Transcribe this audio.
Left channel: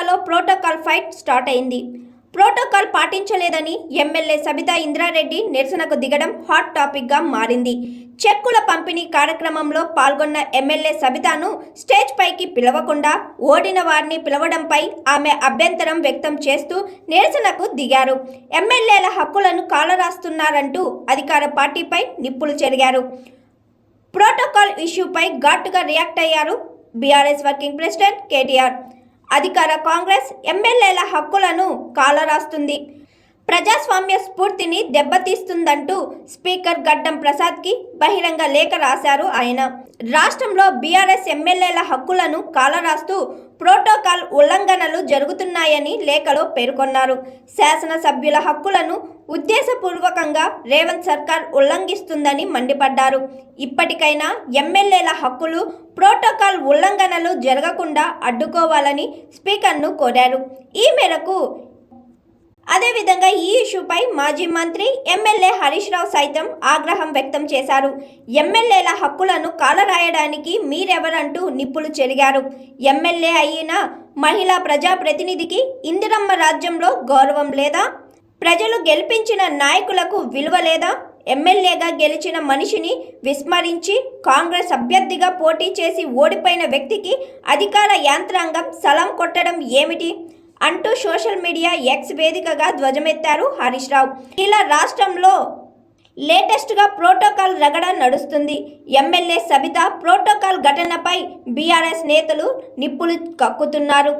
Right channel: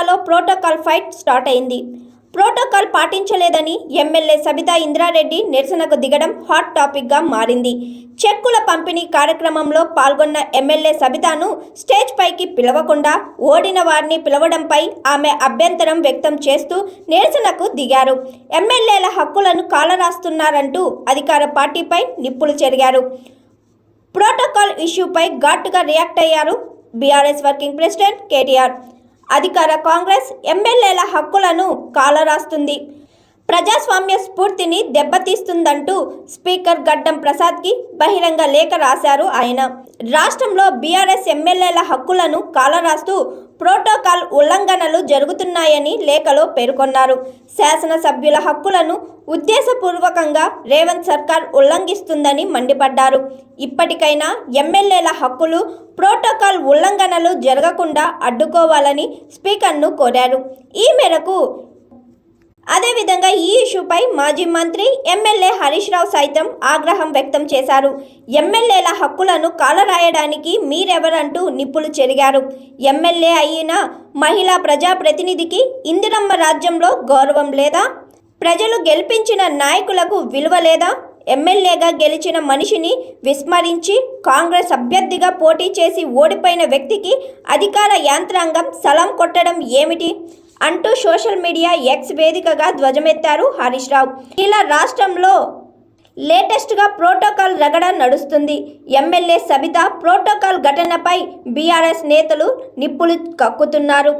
జిల్లాలో protocol fight start అయింది. Protocol పాటించలేదని ఎమ్మెల్యే సబితా ఇంద్రారెడ్డి నిరసనకు దిగడం హాట్ టాపిక్గా మారింది. చెక్కుల పంపిణీ కార్యక్రమంలో పాల్గొన్న ఎమ్మెల్యే సబితాను స్టేజ్ పైకి పిలవకుండా ఓడిన వారిని పిలవడంపై ఆమె అభ్యంతరం వ్యక్తం చేస్తూ నిరసనకు దిగారు. ఎమ్మెల్యేల హక్కులను కాలరాస్తున్నారంటూ అధికార పార్టీపై నిప్పులు చెరిగారు. ప్రోటోకాల్ ఇష్యూపై ఘాటుగా రియాక్ట్ అయ్యారు బీఆర్ఎస్ వర్కింగ్ ప్రెసిడెంట్ కేటీఆర్. అధికార కాంగ్రెస్ ఎమ్మెల్యేల హక్కులను కాలరాస్తుంది. ప్రజాస్వామ్య స్ఫూర్తిని దెబ్బతీస్తుందంటూ స్పీకర్ గడ్డం ప్రసాద్కి బహిరంగ లేఖ రాశారు ఆయన. రాష్ట్రంలో బీఆర్ఎస్ ఎమ్మెల్యేల హక్కులను కాలరాస్తూ ప్రోటోకాల్ ఉల్లంఘనలు జరుగుతున్నాయని లేఖలో పేర్కొన్నారు. శాసనసభ్యుల హక్కులను ఉద్దేశపూర్వకంగా రేవంత్ సర్కార్ ఉల్లంఘిస్తుందని మండిపడ్డారు. ఇప్పటికైనా ఎమ్మెల్యేల హక్కులు ప్రోటోకాల్ ఉల్లంఘనలు జరగకుండా అడ్డుకోవాలని స్పీకర్ను కోరారు. ఈ మేరకు అదేవిధంగా ఈ ఇష్యూపై మాజీ మంత్రి ఎమ్మెల్యే హరీష్ రావు సైతం ఆగ్రహం వ్యక్తం చేశారు. ఎమ్మెల్యేల హక్కులను కాలరాయడానికి మీరెవరంటూ నిప్పులు చెరిగారు. ఎమ్మెల్యే అయిన మహిళా ప్రజాప్రతినిధికి ఇందిరమ్మ రాజ్యంలో గౌరవం లేదా? ప్రజలు గెలిపించిన నాయకులకు విలువ లేదా? ఎమ్మెల్యేగా గెలిచిన మనిషిని విస్మరించి కాంగ్రెస్ అభ్యర్థిగా పోటీ చేసి ఓడిపోయిన వ్యక్తికి అధికార యాంత్రాంగం సలం కొట్టడం ఏమిటి? అంటూ సోషల్ మీడియా ఎక్స్ వేదికగా ధ్వజమెత్తారు హరీష్ రావు. ఇలా రాష్ట్రంలో లేటెస్ట్గా ప్రోటోకాల్ రగడ నడుస్తుంది. ఎమ్మెల్యే సబిత ప్రోటోకాల్ ఘటనపై బీఆర్ఎస్ నేతలు నిప్పులు కక్కుతున్నారు.